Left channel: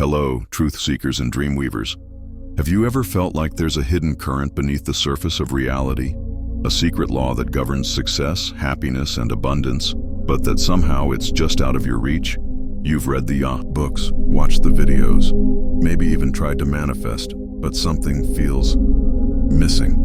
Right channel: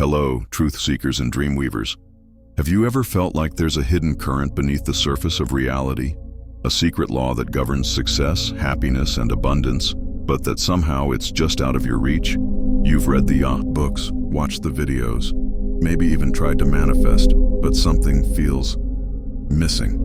Hello, truth seekers and dream weavers. Have you ever felt like there's a hidden current beneath the surface of reality? A secret law that governs success, happiness, and abundance, but that somehow it's just out of your reach? You've read the books, watched the videos, maybe even tried to manifest, but something feels missing.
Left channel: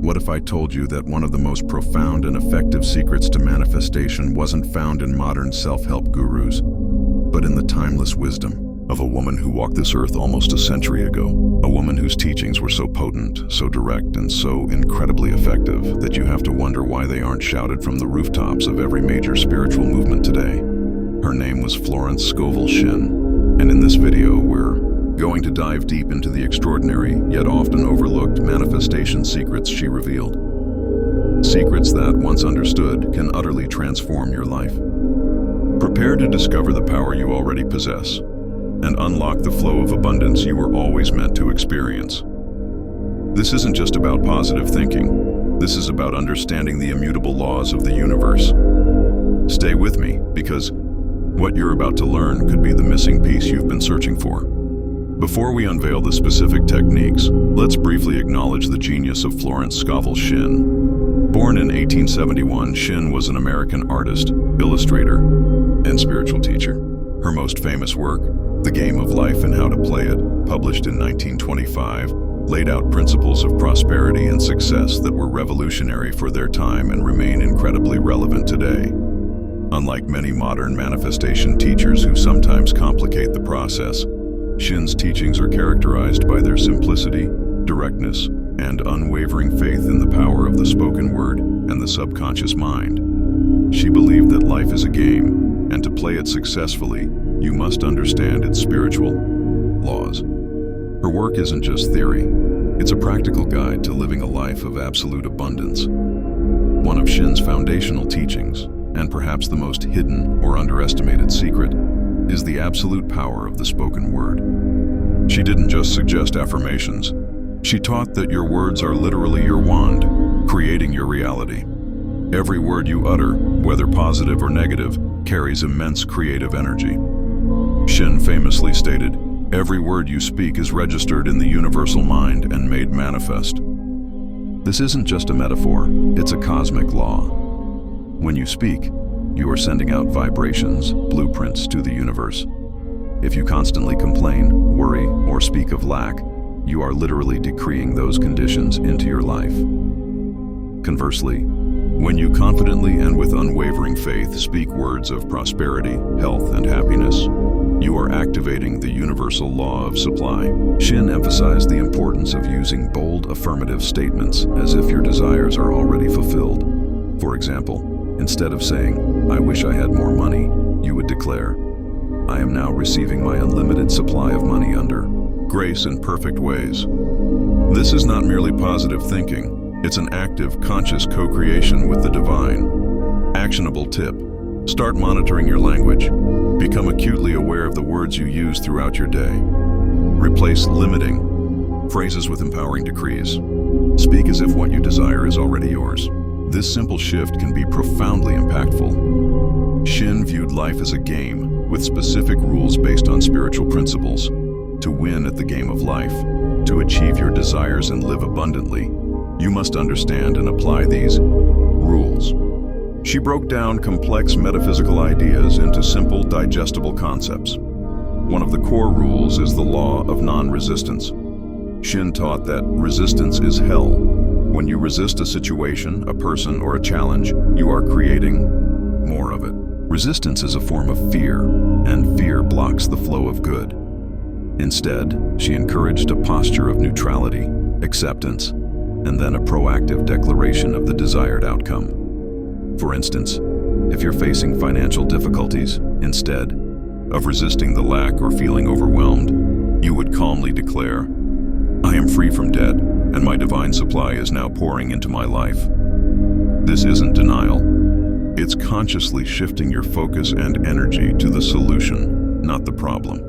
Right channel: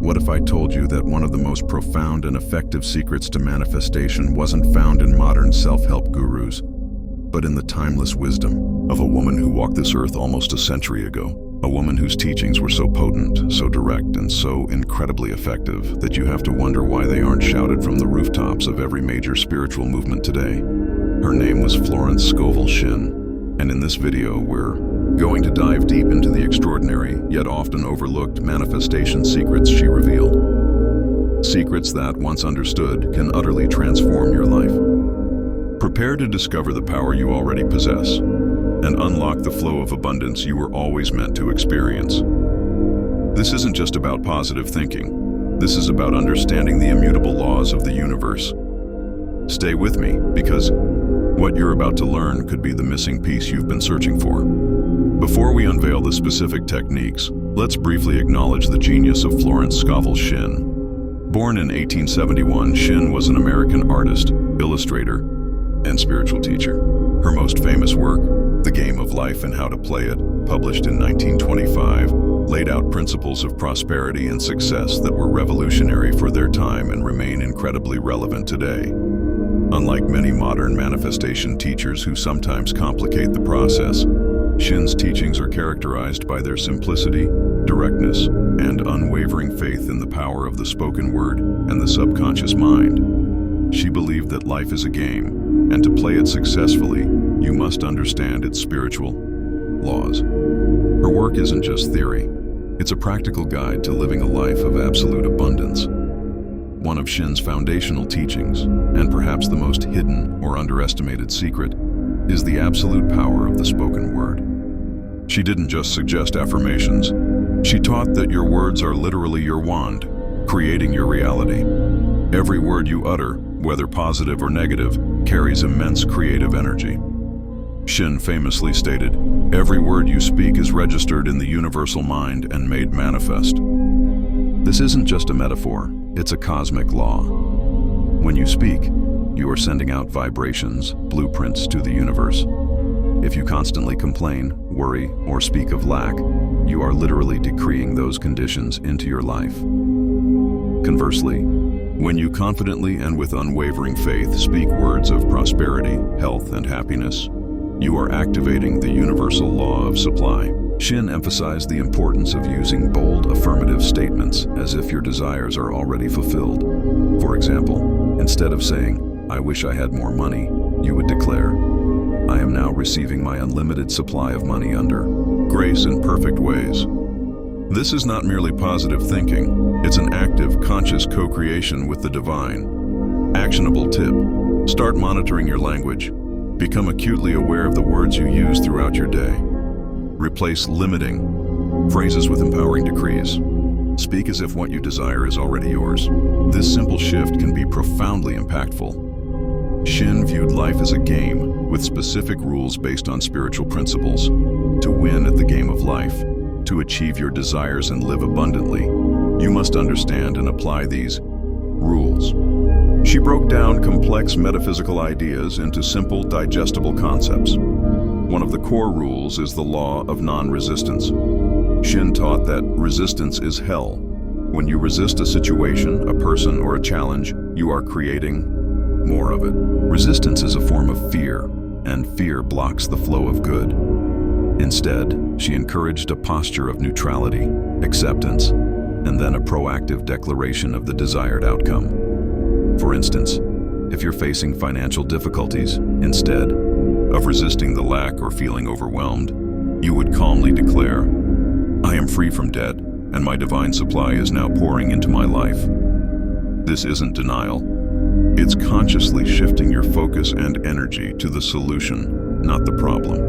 What if I told you that one of the most profound and effective secrets to manifestation wasn't found in modern self-help gurus, but in the timeless wisdom of a woman who walked this earth almost a century ago? A woman whose teachings were so potent, so direct, and so incredibly effective that you have to wonder why they aren't shouted from the rooftops of every major spiritual movement today. Her name was Florence Scovel Shinn, and in this video we're going to dive deep into the extraordinary, yet often overlooked manifestation secrets she revealed. Secrets that, once understood, can utterly transform your life. Prepare to discover the power you already possess and unlock the flow of abundance you were always meant to experience. This isn't just about positive thinking. This is about understanding the immutable laws of the universe. Stay with me, because what you're about to learn could be the missing piece you've been searching for. Before we unveil the specific techniques, let's briefly acknowledge the genius of Florence Scovel Shinn. Born in 1871, Shinn was an American artist, illustrator, and spiritual teacher. Her most famous work, The Game of Life and How to Play It, published in 1925, laid out principles of prosperity and success that were revolutionary for their time and remain incredibly relevant today. Unlike many modern manifestation teachers who sometimes complicate the process, Shinn's teachings are characterized by their simplicity, directness, and unwavering faith in the power of the spoken word and the subconscious mind. She believed that life is a game, and to play it successfully, you must understand its spiritual laws. Her work isn't just theory, it's a practical guide to living a life of absolute abundance. One of Shinn's foundational teachings, and perhaps the most hidden or underestimated secret, is the absolute power of the spoken word. She didn't just suggest affirmations. She taught that your words are literally your wand, creating your reality. Every word you utter, whether positive or negative, carries immense creative energy. Shinn famously stated, "Every word you speak is registered in the universal mind and made manifest." This isn't just a metaphor, it's a cosmic law. When you speak, you are sending out vibrations, blueprints to the universe. If you constantly complain, worry, or speak of lack, you are literally decreeing those conditions into your life. Conversely, when you confidently and with unwavering faith speak words of prosperity, health, and happiness, you are activating the universal law of supply. Shinn emphasized the importance of using bold affirmative statements as if your desires are already fulfilled. For example, instead of saying, "I wish I had more money," you would declare, "I am now receiving my unlimited supply of money under grace in perfect ways." This is not merely positive thinking, it's an active, conscious co-creation with the divine. Actionable tip: start monitoring your language. Become acutely aware of the words you use throughout your day. Replace limiting phrases with empowering decrees. Speak as if what you desire is already yours. This simple shift can be profoundly impactful. Shinn viewed life as a game, with specific rules based on spiritual principles. To win at the game of life, to achieve your desires and live abundantly, you must understand and apply these rules. She broke down complex metaphysical ideas into simple, digestible concepts. One of the core rules is the law of non-resistance. Shinn taught that resistance is hell. When you resist a situation, a person, or a challenge, you are creating more of it. Resistance is a form of fear, and fear blocks the flow of good. Instead, she encouraged a posture of neutrality, acceptance, and then a proactive declaration of the desired outcome. For instance, if you're facing financial difficulties, instead of resisting the lack or feeling overwhelmed, you would calmly declare, "I am free from debt, and my divine supply is now pouring into my life." This isn't denial. It's consciously shifting your focus and energy to the solution, not the problem.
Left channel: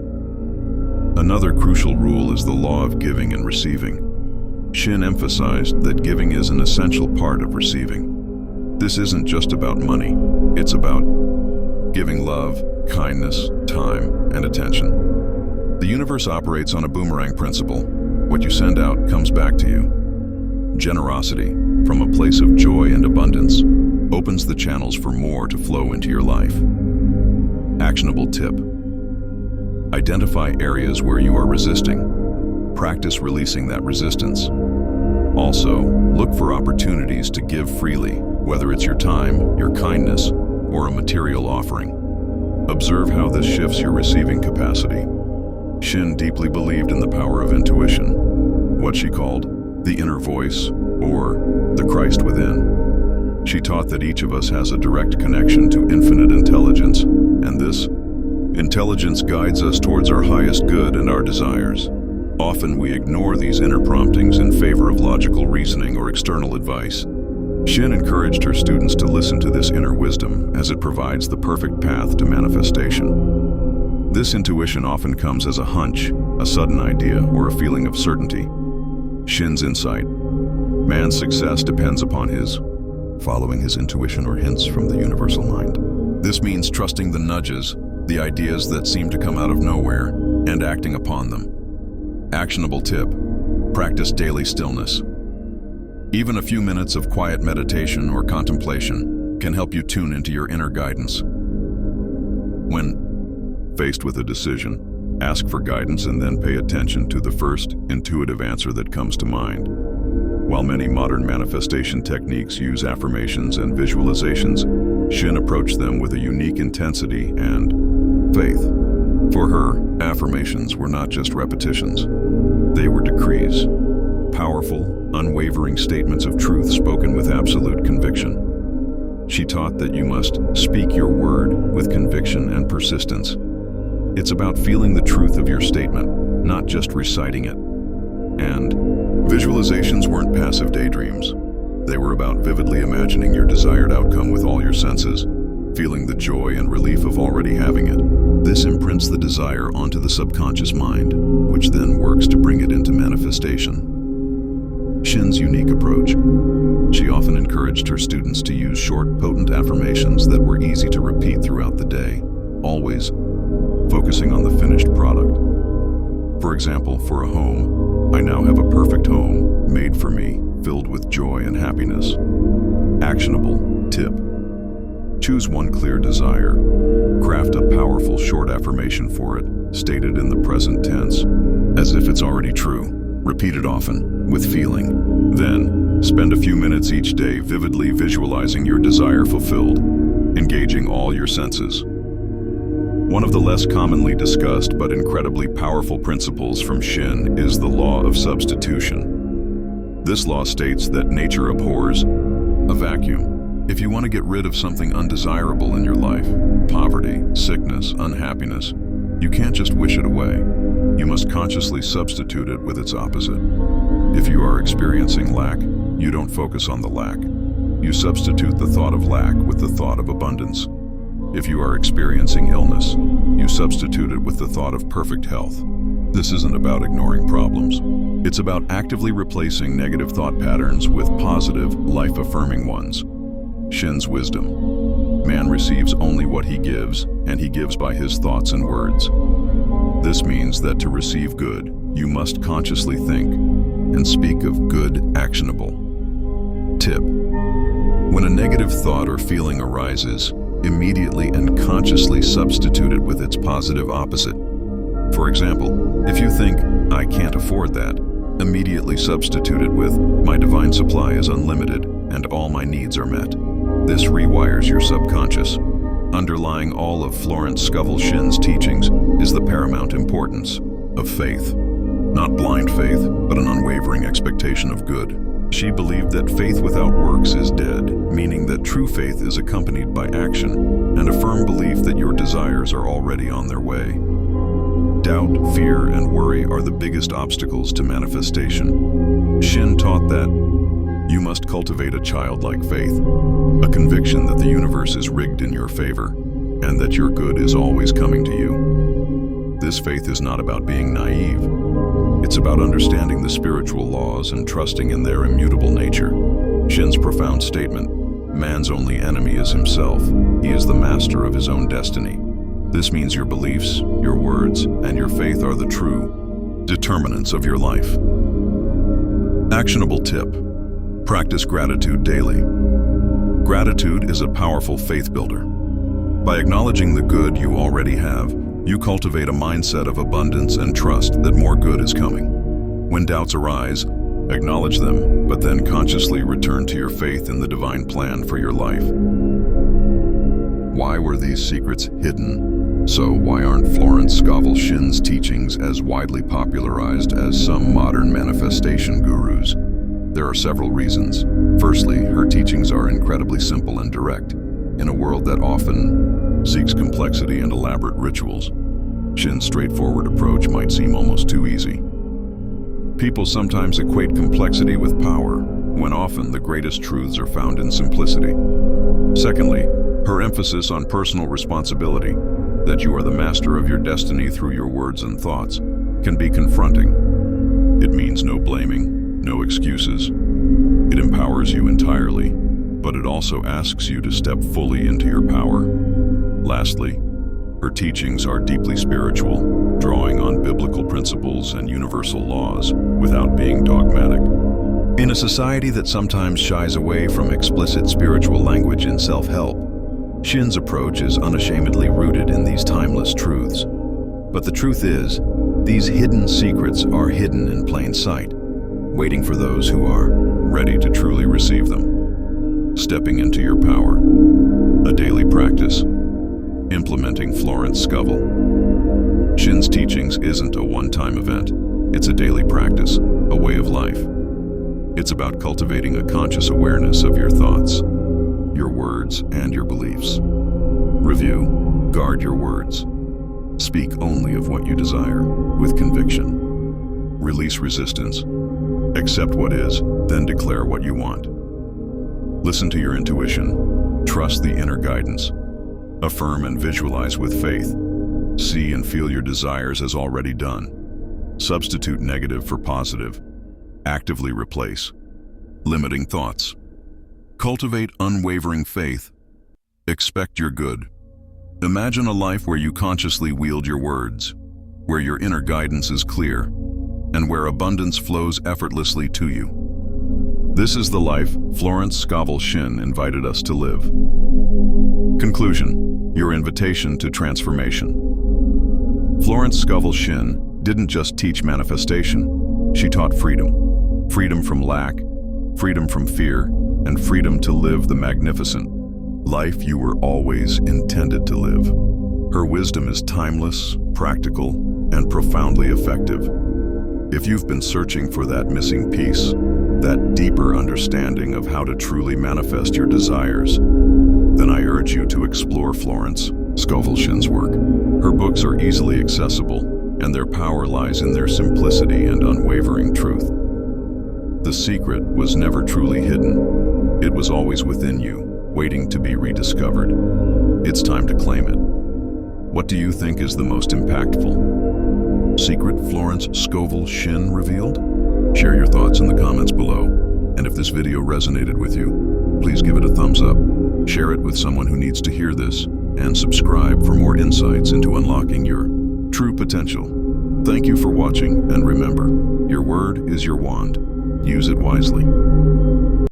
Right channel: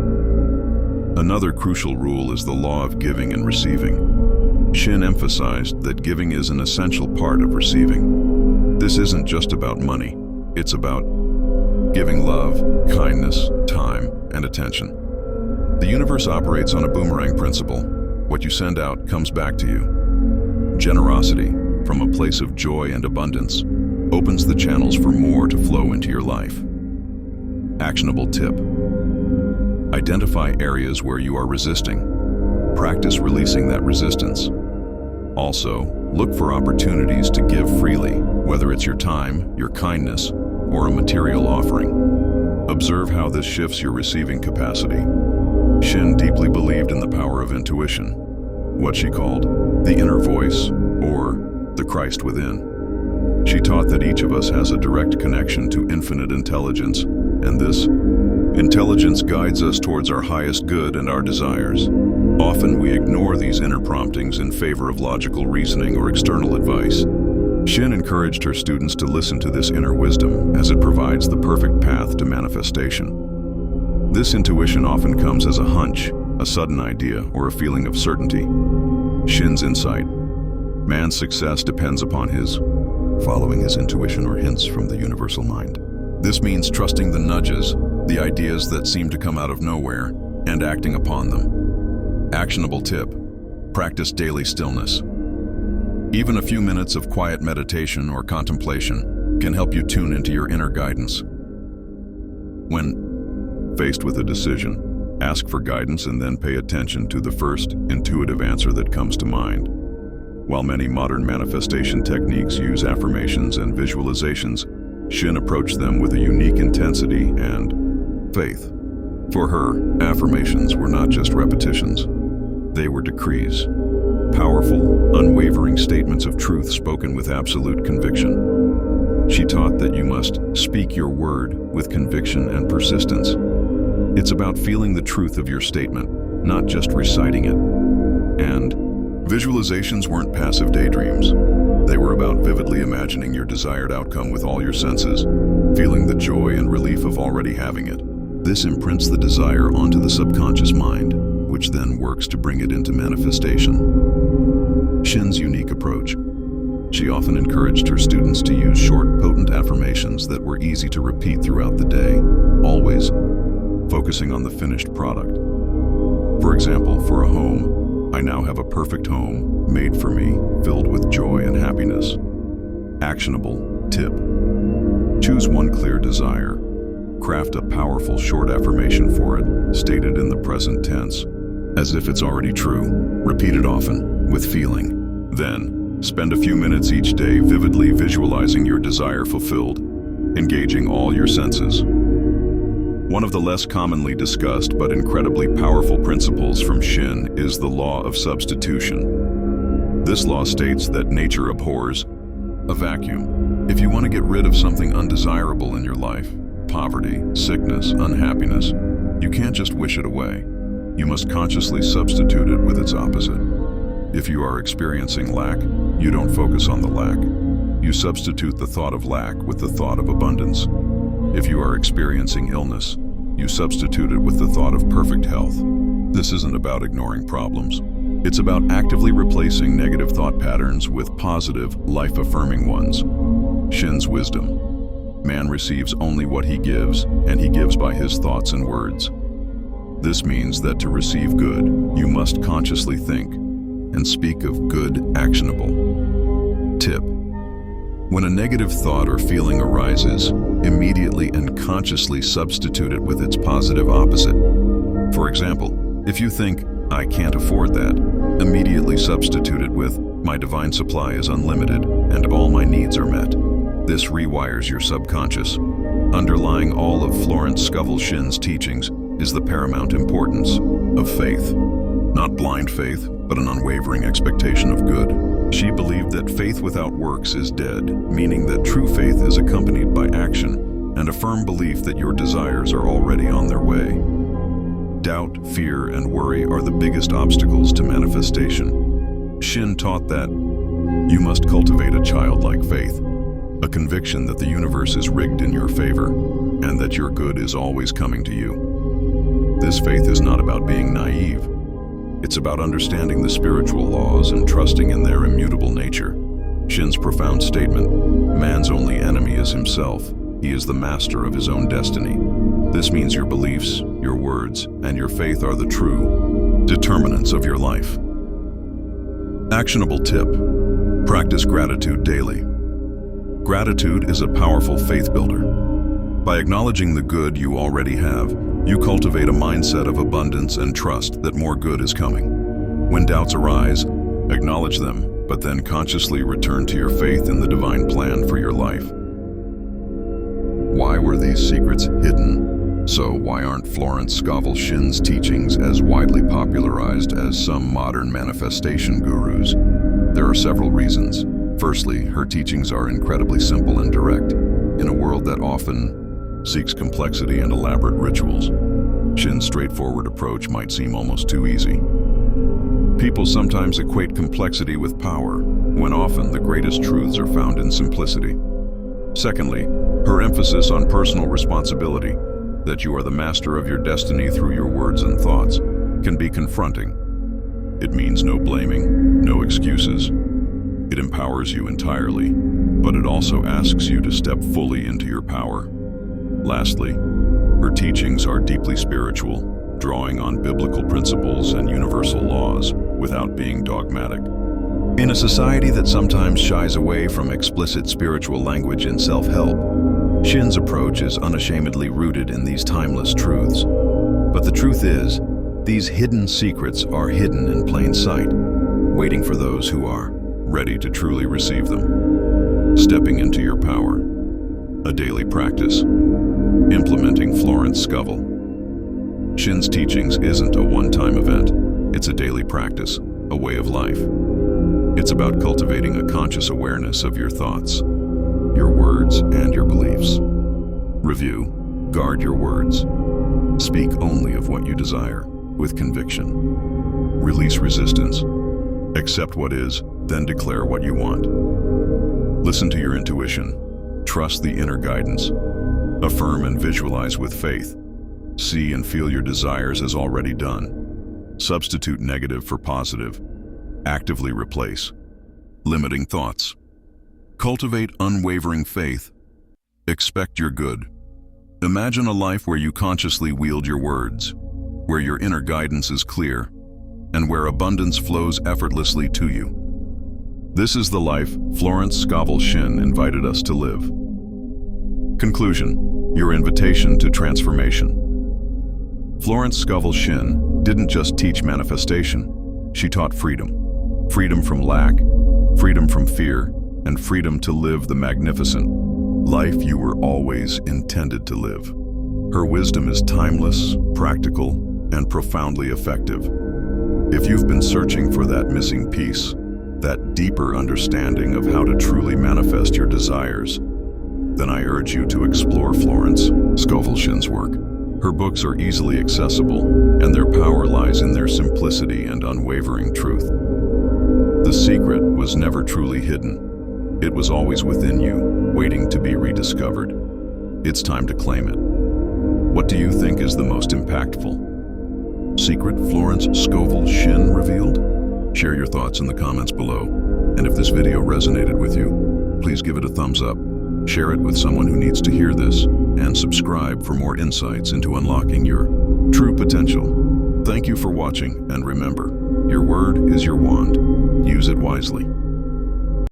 Another crucial rule is the law of giving and receiving. Shinn emphasized that giving is an essential part of receiving. This isn't just about money, it's about giving love, kindness, time, and attention. The universe operates on a boomerang principle. What you send out comes back to you. Generosity, from a place of joy and abundance, opens the channels for more to flow into your life. Actionable tip. Identify areas where you are resisting. Practice releasing that resistance. Also, look for opportunities to give freely, whether it's your time, your kindness, or a material offering. Observe how this shifts your receiving capacity. Shinn deeply believed in the power of intuition, what she called the inner voice, or the Christ within. She taught that each of us has a direct connection to infinite intelligence, and this intelligence guides us towards our highest good and our desires. Often we ignore these inner promptings in favor of logical reasoning or external advice. Shinn encouraged her students to listen to this inner wisdom, as it provides the perfect path to manifestation. This intuition often comes as a hunch, a sudden idea, or a feeling of certainty. Shinn's insight. Man's success depends upon his following his intuition or hints from the universal mind. This means trusting the nudges, the ideas that seem to come out of nowhere, and acting upon them. Actionable tip. Practice daily stillness. Even a few minutes of quiet meditation or contemplation can help you tune into your inner guidance. When faced with a decision, ask for guidance and then pay attention to the first intuitive answer that comes to mind. While many modern manifestation techniques use affirmations and visualizations, Shinn approached them with a unique intensity and faith. For her, affirmations were not just repetitions. They were decrees. Powerful, unwavering statements of truth spoken with absolute conviction. She taught that you must speak your word with conviction and persistence. It's about feeling the truth of your statement, not just reciting it. And visualizations weren't passive daydreams. They were about vividly imagining your desired outcome with all your senses, feeling the joy and relief of already having it. This imprints the desire onto the subconscious mind, which then works to bring it into manifestation. Shinn's unique approach. She often encouraged her students to use short, potent affirmations that were easy to repeat throughout the day, always focusing on the finished product. For example, for a home, I now have a perfect home made for me, filled with joy and happiness. Actionable tip. Choose one clear desire. Craft a powerful short affirmation for it, stated in the present tense, as if it's already true. Repeat it often, with feeling. Then, spend a few minutes each day vividly visualizing your desire fulfilled, engaging all your senses. One of the less commonly discussed but incredibly powerful principles from Shinn is the law of substitution. This law states that nature abhors a vacuum. If you want to get rid of something undesirable in your life, poverty, sickness, unhappiness, you can't just wish it away. You must consciously substitute it with its opposite. If you are experiencing lack, you don't focus on the lack. You substitute the thought of lack with the thought of abundance. If you are experiencing illness, you substitute it with the thought of perfect health. This isn't about ignoring problems. It's about actively replacing negative thought patterns with positive, life-affirming ones. Shinn's wisdom. Man receives only what he gives, and he gives by his thoughts and words. This means that to receive good, you must consciously think and speak of good, actionable. Tip. When a negative thought or feeling arises, immediately and consciously substitute it with its positive opposite. For example, if you think, I can't afford that, immediately substitute it with, my divine supply is unlimited and all my needs are met. This rewires your subconscious. Underlying all of Florence Scovel Shinn's teachings is the paramount importance of faith. Not blind faith, but an unwavering expectation of good. She believed that faith without works is dead, meaning that true faith is accompanied by action and a firm belief that your desires are already on their way. Doubt, fear, and worry are the biggest obstacles to manifestation. Shinn taught that you must cultivate a childlike faith, a conviction that the universe is rigged in your favor and that your good is always coming to you. This faith is not about being naive. It's about understanding the spiritual laws and trusting in their immutable nature. Shinn's profound statement, man's only enemy is himself. He is the master of his own destiny. This means your beliefs, your words, and your faith are the true determinants of your life. Actionable tip: practice gratitude daily. Gratitude is a powerful faith builder. By acknowledging the good you already have, you cultivate a mindset of abundance and trust that more good is coming. When doubts arise, acknowledge them, but then consciously return to your faith in the divine plan for your life. Why were these secrets hidden? So why aren't Florence Scovel Shinn's teachings as widely popularized as some modern manifestation gurus? There are several reasons. Firstly, her teachings are incredibly simple and direct. In a world that often seeks complexity and elaborate rituals, Shinn's straightforward approach might seem almost too easy. People sometimes equate complexity with power, when often the greatest truths are found in simplicity. Secondly, her emphasis on personal responsibility, that you are the master of your destiny through your words and thoughts, can be confronting. It means no blaming, no excuses. It empowers you entirely, but it also asks you to step fully into your power. Lastly, her teachings are deeply spiritual, drawing on biblical principles and universal laws without being dogmatic. In a society that sometimes shies away from explicit spiritual language in self-help, Shinn's approach is unashamedly rooted in these timeless truths. But the truth is, these hidden secrets are hidden in plain sight, waiting for those who are ready to truly receive them. Stepping into your power. A daily practice. Implementing Florence Scovel. Shinn's teachings isn't a one-time event. It's a daily practice, a way of life. It's about cultivating a conscious awareness of your thoughts, your words, and your beliefs. Review: guard your words. Speak only of what you desire, with conviction. Release resistance. Accept what is, then declare what you want. Listen to your intuition. Trust the inner guidance. Affirm and visualize with faith. See and feel your desires as already done. Substitute negative for positive. Actively replace limiting thoughts. Cultivate unwavering faith. Expect your good. Imagine a life where you consciously wield your words, where your inner guidance is clear, and where abundance flows effortlessly to you. This is the life Florence Scovel Shinn invited us to live. Conclusion: your invitation to transformation. Florence Scovel Shinn didn't just teach manifestation, she taught freedom. Freedom from lack, freedom from fear, and freedom to live the magnificent life you were always intended to live. Her wisdom is timeless, practical, and profoundly effective. If you've been searching for that missing piece, that deeper understanding of how to truly manifest your desires, then I urge you to explore Florence Scovel Shinn's work. Her books are easily accessible, and their power lies in their simplicity and unwavering truth. The secret was never truly hidden. It was always within you, waiting to be rediscovered. It's time to claim it. What do you think is the most impactful secret Florence Scovel Shinn revealed? Share your thoughts in the comments below. And if this video resonated with you, please give it a thumbs up. Share it with someone who needs to hear this, and subscribe for more insights into unlocking your true potential. Thank you for watching, and remember, your word is your wand. Use it wisely.